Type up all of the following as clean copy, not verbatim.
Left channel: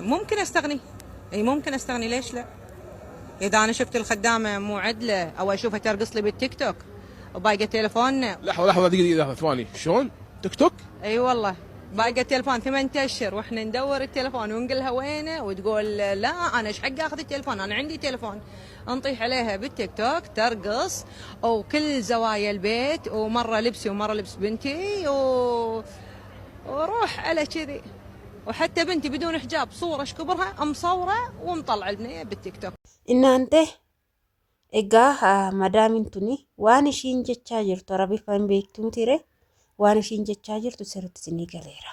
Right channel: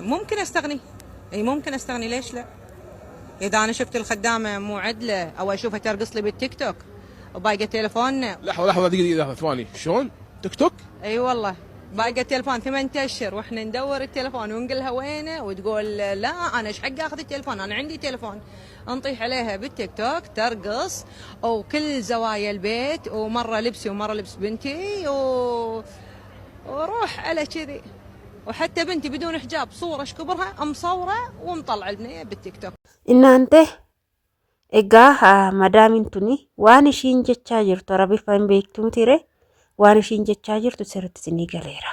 ممكن استغني. اي ممكن استغني، ليش لا؟ اذا انا شفت الخدامه مو عدله او اشوفها ترقص لي بالتيك توك وباقي تليفوننا. لحظه دقيقه ثواني، شلون تيك توك؟ اي والله باقي التليفون 8 اشهر واحنا ندور التليفون ونقول لها وينه وتقول لا انا ايش حق اخذ التليفون، انا عندي تليفون. نطيح عليها بالتيك توك ترقص وكل زوايا البيت، ومره لبسي ومره لبس بنتي وروح على كذي. وحتى بنتي بدون حجاب صوره اشكبرها مصوره ومطلع البنيه بالتيك توك. Inaante egaa madaamin tuni waan ishiin jechaa jirtu Arabiffaa hin beektumtire waan ishiin jechaa jirtu sirriitti isinii galeera.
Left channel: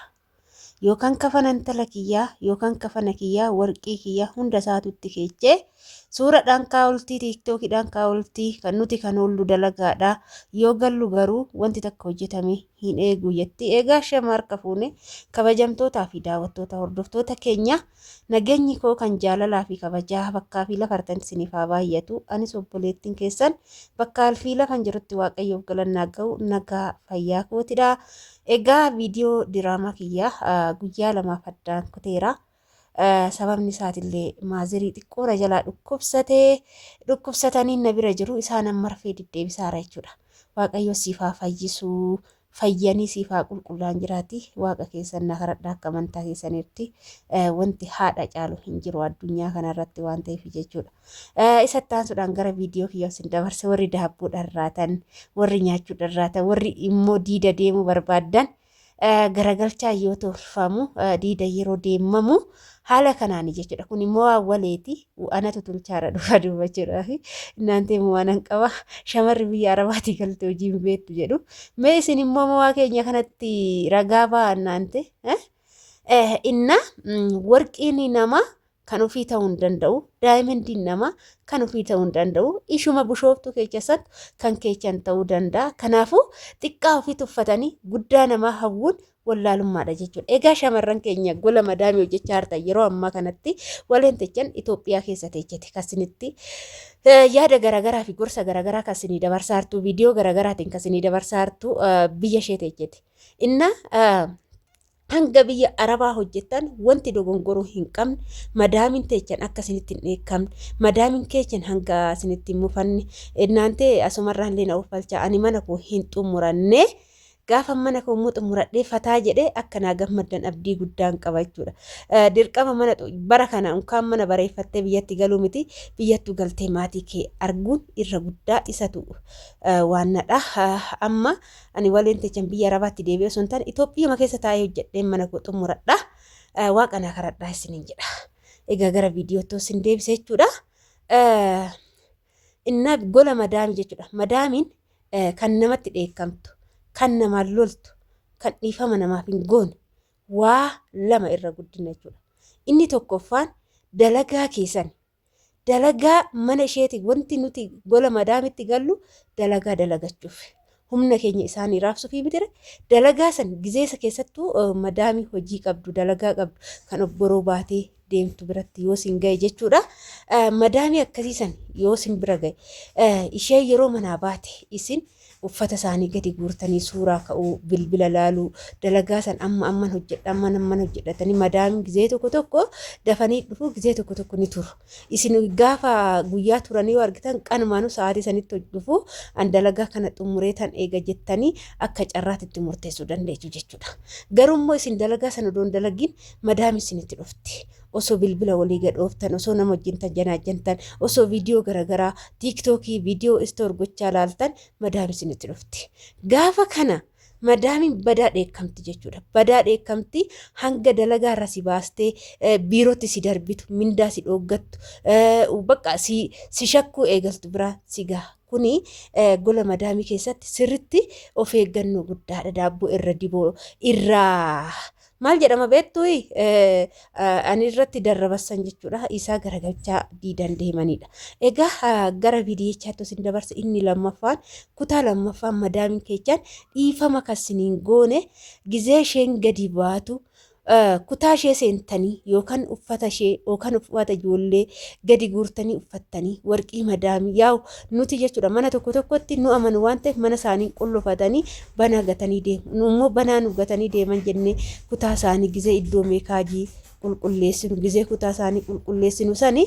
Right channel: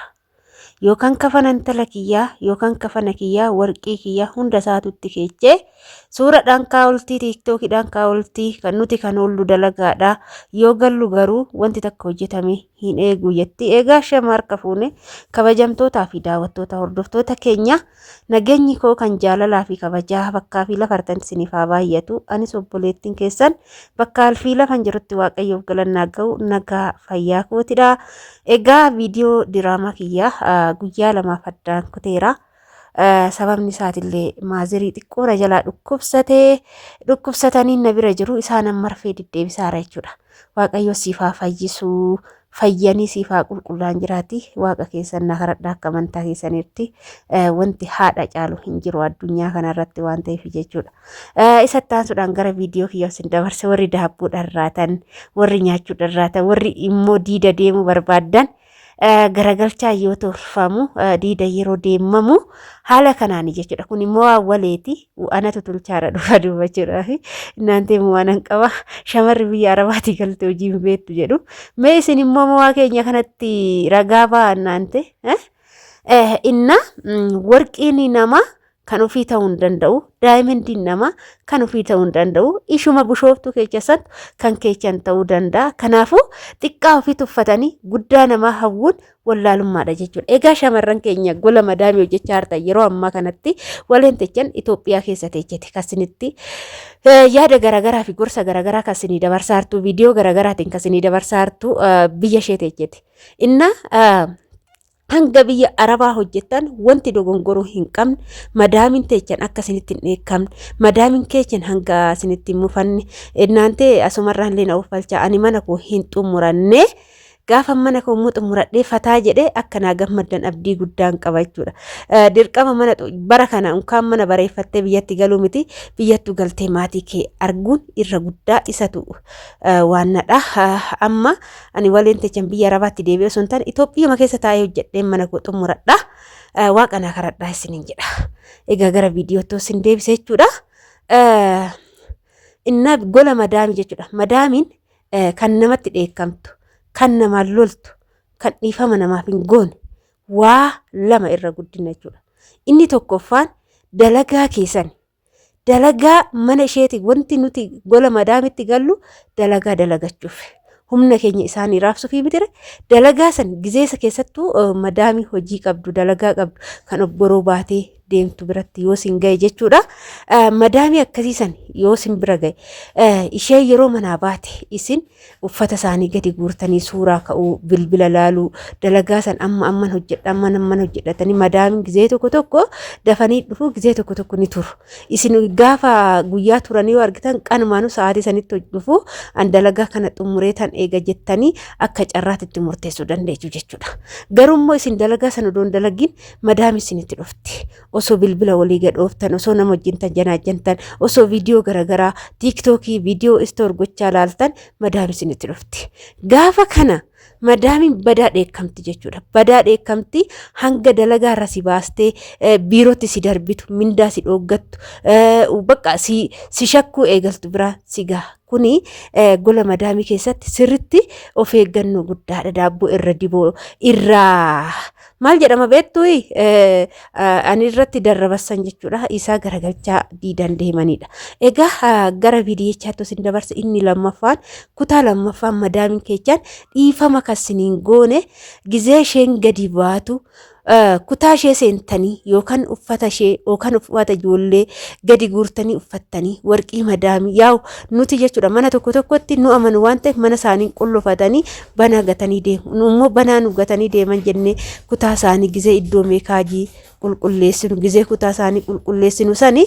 Yookaan kafana intala kiyyaa yookaan kafana kiyyaa warqii kiyyaa hunda isaatutti keechee suuraadhaan kaawultii tiiktookidhaan kaawultii kan nuti kan oollu dalagaadha. Yoo gallu garuu wanti takka hojjetame hin eegu jetti. Egaa shama harka fuune kabajamtootaa fi daawwattoota hordoftoota keenya nageenyi koo kan jaalalaa fi kabajaa bakkaa fi lafartan isiniif haa baay'atu. Anis obboleettiin keessan bakka alfii lafan jirutti waaqayyoof galannaa ga'u nagaa fayyaa kootidha. Egaa viidiyoo diraamaa kiyyaa guyyaa lamaaf addaan kuteera. Sababni isaatillee maazirii xiqqoora jalaa dhukkubsatanii na bira jiru isaan marfee deddeebisaara jechuudha. Waaqayyo siif haa fayyisu, fayyanii siif haa qulqullaan jiraati. Waaqa keessan na kadhadhaa akka amantaa keessanitti wanti haadha caalu hin jiru addunyaa kanarratti waan ta'eef jechuudha. Isatti aansuudhaan gara viidiyoo kiyyaa isin dabarse warri daabboo dharraatan, warri nyaachuu dharraatan, warri immoo diida deemuu barbaadan garagalchaa yoo tolfamu diida yeroo deemamu haala kanaani jechuudha. Kun immoo awwaleeti anatu tolchaadha dhufa dubbachuudhaaf inaantee waan qaba shamarri biyya Arabaatti galte hojii beektu jedhu. Mee isin immoo waa keenya kanatti ragaa ba'aa inaante inna warqiin nama kan ofii ta'uu hin danda'u, daayimendiin nama kan ofii ta'uu hin danda'u, ishuma bushooftuu keessatti kan keechan ta'uu danda'a. Kanaafuu xiqqaa ofii tuffatanii guddaa namaa hawwuun wallaalummaadha jechuudha. Egaa shamarran keenya gola madaamii hojjechaa hartan yeroo ammaa kanatti waleen techan Itoophiyaa keessa teechete kasinitti yaada garagaraa fi gorsa garagaraa kasinii dabarsaa hartu viidiyoo garagaraatiin kasinii dabarsaa hartu biyya ishee teechete. Inna hanga biyya Arabaa hojjetan wanti dogongoruu hin qabne madaamin teechan akka isinitti hin dheekkamne madaamin keechan hanga isinitti hin mufanne inaante asumarraan illee na uffalcha ani mana koo hin xumuranne gaafa mana koo xumuradhee fataa jedhee akka naa gammaddan abdii guddaan qaba jechuudha. Dirqama mana bara kana unkaan mana bareeffattee biyyatti galuu miti biyyattu galtee maatii kee arguun irra guddaa isatu waannadha. Amma ani waleen techan biyya Arabaatti deebi'ee osoo hin taane Itoophiyaa keessa taa'ee hojjedheen mana koo xumuradha. Waaqa naa kadhadhaa isiniin jedha. Egaa gara viidiyootti isin deebisee jechuudha. Inna gola madaamii jechuudha. Madaamiin kan namatti dheekkamtu. Kan namaan loltu, kan dhiifama namaaf hin goone waa lama irra guddina jechuudha. Inni tokkoffaan dalagaa keessan, dalagaa mana isheeti wanti nuti gola madaamitti gallu dalagaa dalagachuuf. Humna keenya isaanii raabsuuf mitire dalagaa san gizeessa keessattuu madaamii hojii qabdu dalagaa qabdu kan obboroo baatee deemtu biratti yoo sin gahe jechuudha. Madaamii akkasiisan yoo sin bira gahe ishee yeroo manaa baate isin uffata isaanii gadi guurtanii suuraa ka'uu bilbila laaluu dalagaa san amman hojjedhatanii madaamiin gizee tokko tokko dafanii dhufu gizee tokko tokko ni turu. Isin gaafa guyyaa turanii yoo argitan qanumaanuu sa'aatii sanitti dhufu an dalagaa kana xumuree tan eega jettanii akka carraatitti murteessuu dandeessu jechuudha. Garuu isin dalagaa sana odoon dalagiin madaamii isinitti dhufti. Osoo bilbila walii gadhooftan, osoo nama wajjin janaajjantan, osoo viidiyoo garagaraa tiiktookii viidiyoo istoor gochaa laaltan madaamii isinitti dhufti. Gaafa kana madaamiin badaa dheekkamti jechuudha. Badaa dheekkamti hanga dalagaa irra si baastee biirootti si darbitu, mindaa si dhooggattu, bakka si shakkuu eegaltu biraa si gaha. Kuni gola madaamii keessatti sirritti of eeggannoo guddaadha. Daabboo irra diboo irraa maal jedhama beektu ani irratti darrabassan jechuudha. Isaa garagalchaa diidan deemanidha. Egaa gara viidiyichaatti isin dabarsa inni lammaffaan kutaa lammaffaan madaamiin keechaan dhiifama kasiniin goone gizee isheen gadi baatu kutaa ishee seentanii yookaan uffata ishee yookaan uffata ijoollee gadi guurtanii uffattanii warqii madaamii yaa'u nuti jechuudha mana tokko tokkotti nu amanu waan ta'eef mana isaanii qullufatanii bana gatanii deemu. Nu immoo banaa nu gatanii deeman jennee kutaa isaanii gizee iddoo meekaajii qulqulleessinu gizee kutaa isaanii qulqulleessinu sani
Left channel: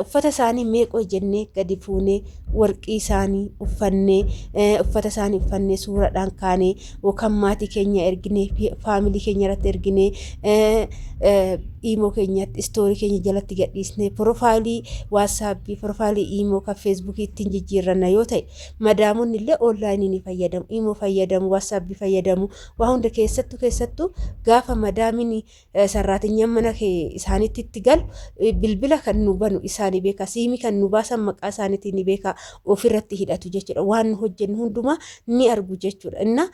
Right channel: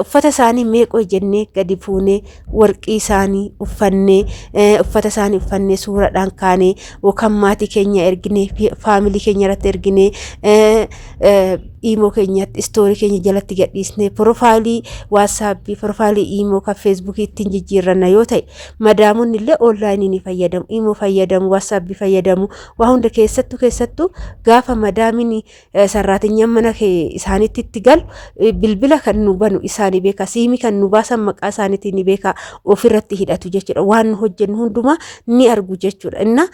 uffata isaanii meeqoo jennee gadi fuunee warqii isaanii uffannee uffata isaanii uffannee suuraadhaan kaanee yookaan maatii keenya erginee faamilii keenya irratti erginee iimoo keenyatti istoorii keenya jalatti gadhiisnee profaayilii waatsaappii profaayilii iimoo kan feesbuukii ittiin jijjiirranna yoo ta'e madaamonni illee onlaayinii ni fayyadamu iimoo fayyadamu waatsaappii fayyadamu waa hunda keessattuu gaafa madaamin sarraatinyaan mana isaaniitti itti galu bilbila kan nu banu isaanii beeka siimii kan nu baasan maqaa isaaniitiin ni beeka ofirratti hidhatu jechuudha waan nu hojjennu hundumaa ni argu jechuudha inna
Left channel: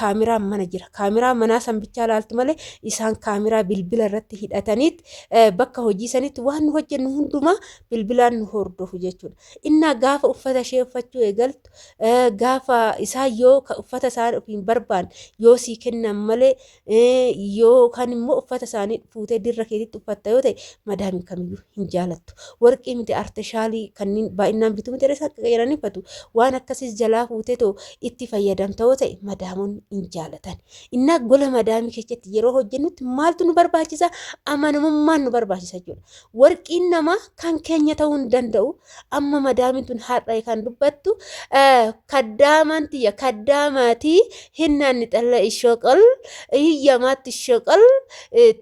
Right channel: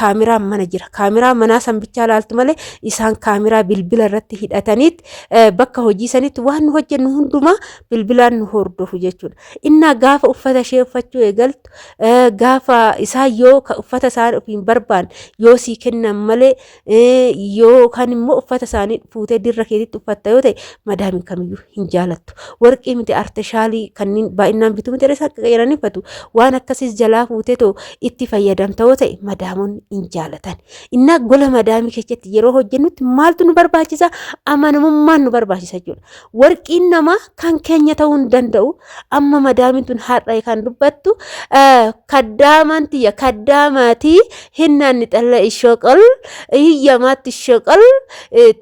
kaameraan mana jira kaameraa manaa san bichaa laaltu malee isaan kaameraa bilbila irratti hidhataniit bakka hojii sanitti waan nu hojjennu hundumaa bilbilaan nu hordofu jechuudha inna gaafa uffata ishee uffachuu eegaltu gaafa isaa yoo uffata isaan ofiin barbaan yoo sii kennan malee yoo kan immoo uffata isaanii fuutee dirra keetitti uffatta yoo ta'e madaamin kamiyyuu hin jaalattu warqii miti artishaalii kanneen baay'inaan bituu miti isaa qeeranifatu waan akkasiis jalaa fuutee too itti fayyadamta yoo ta'e madaamonni hin jaalatan inna gola madaamii keessatti yeroo hojjennutti maaltu nu barbaachisa amanamummaan nu barbaachisa jechuudha warqiin namaa kan keenya ta'uu hin danda'u amma madaamin tun har'a kan dubbattu kaddaamantiya kaddaamaatii hinnaanni xalla ishooqal hiyyamaatti ishooqal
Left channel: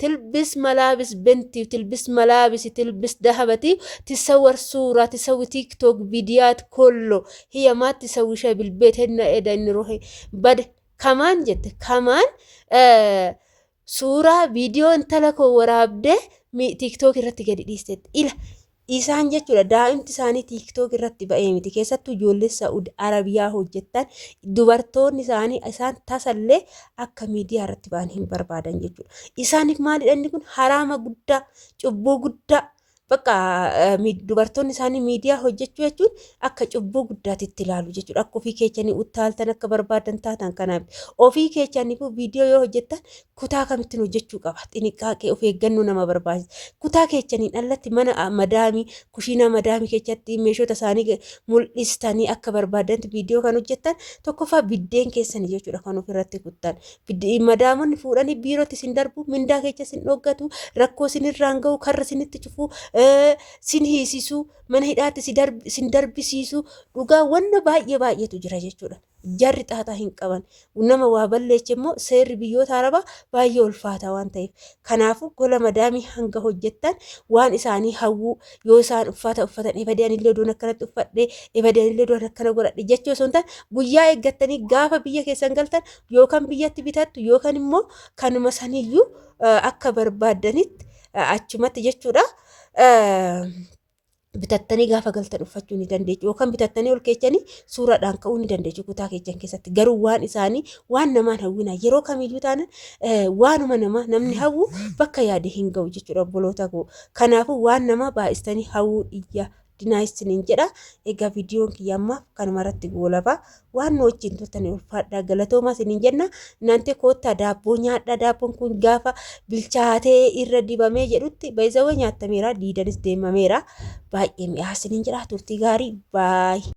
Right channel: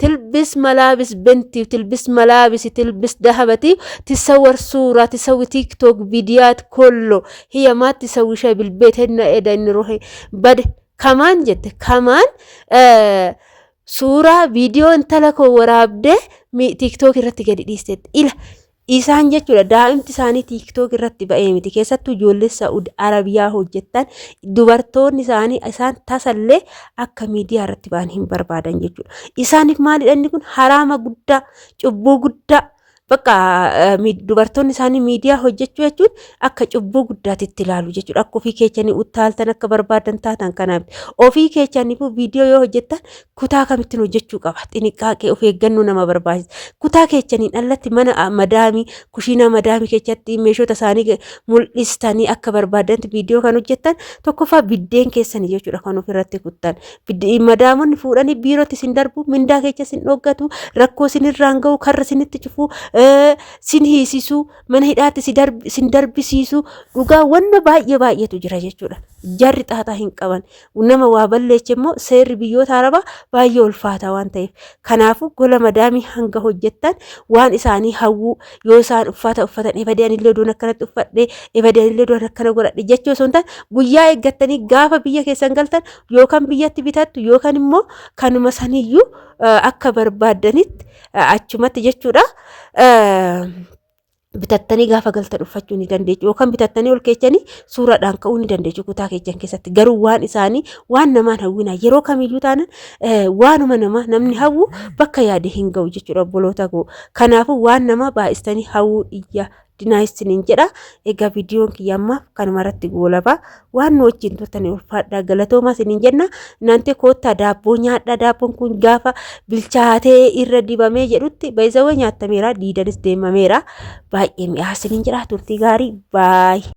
tilbis malaabis benti tilbis malaabis tilbis dahabati tisawwar suuraa tisawwi tiktok viidiyaat kollo hiyyamaatti tisawwisha bilbeet henna eda inni rohe bade kamaan jette kamaan suuraa viidiyoo intala koo waraabdee tiktok irratti gadi dhiisteetti ila isaan jechuudha daa'imti isaanii tiktok irratti ba'ee miti keessattuu ijoollee Saa'ud Arabiyaa hojjettan dubartoonni isaanii isaan tasallee akka miidiyaa irratti ba'an hin barbaadan jechuudha isaaniif maalidha inni kun haraama guddaa cubbuu guddaa bakka dubartoonni isaanii miidiyaa hojjechuu jechuun akka cubbuu guddaatitti ilaalu jechuudha akka ofii keechanii utaaltan akka barbaadan taatan kanaaf ofii keechanii viidiyoo yoo hojjettan kutaa kamittiin hojjechuu qaba xiniqqaaqee of eeggannoo nama barbaachisa kutaa keechanii dhallatti mana madaamii kushiinaa madaamii keessatti meeshota isaanii mul'istanii akka barbaadanti viidiyoo kan hojjettan tokkoffaa biddeen keessanii jechuudha kan ofirratti kuttan madaamonni fuudhanii biirootti sin darbu mindaa keessa sin dhoggatu rakkoo sin irraan ga'u karra sinitti cufuu sin hiisisuu mana hidhaatti sin darbisiisuu dhugaa wanna baay'eetu jira jechuudha jarri xaaxaa hin qaban nama waa balleeche immoo seerri biyyoota arabaa baay'ee ulfaataa waan ta'eef kanaafuu gola madaamii hanga hojjettan waan isaanii hawwuu yoo isaan uffatan ebadeen illee doon akkanatti uffadhee ebadeen illee doon akkana godhadhe jechuu osoo hin taane guyyaa eeggattanii gaafa biyya keessan galtan yookaan biyyatti bitattu yookaan immoo kanuma saniyyuu akka barbaadanitti achumatti jechuudha bitattanii gaafa galtan uffachuu ni dandeessu yookaan bitattanii ol keechanii suuraadhaan ka'uu ni dandeessu kutaa keechan keessatti garuu waan isaanii waan namaan hawwina yeroo kamiyyuu taanan waanuma nama namni hawwu bakka yaade hin ga'u jechuudha obboloota koo kanaafuu waan nama baay'istanii hawwuu iyya dinaayistiniin jedha egaa viidiyoon kiyyammaaf kanuma irratti goolabaa waan nu wajjin turtanii ulfaadhaa galatoomaa isiniin jenna naante koottaa daabboo nyaadhaa daabboon kun gaafa bilchaatee irra dibamee jedhutti baay'isawwan nyaattameera diidanis deemameera baay'ee mi'aa isiniin jedha turtii gaarii baay'ee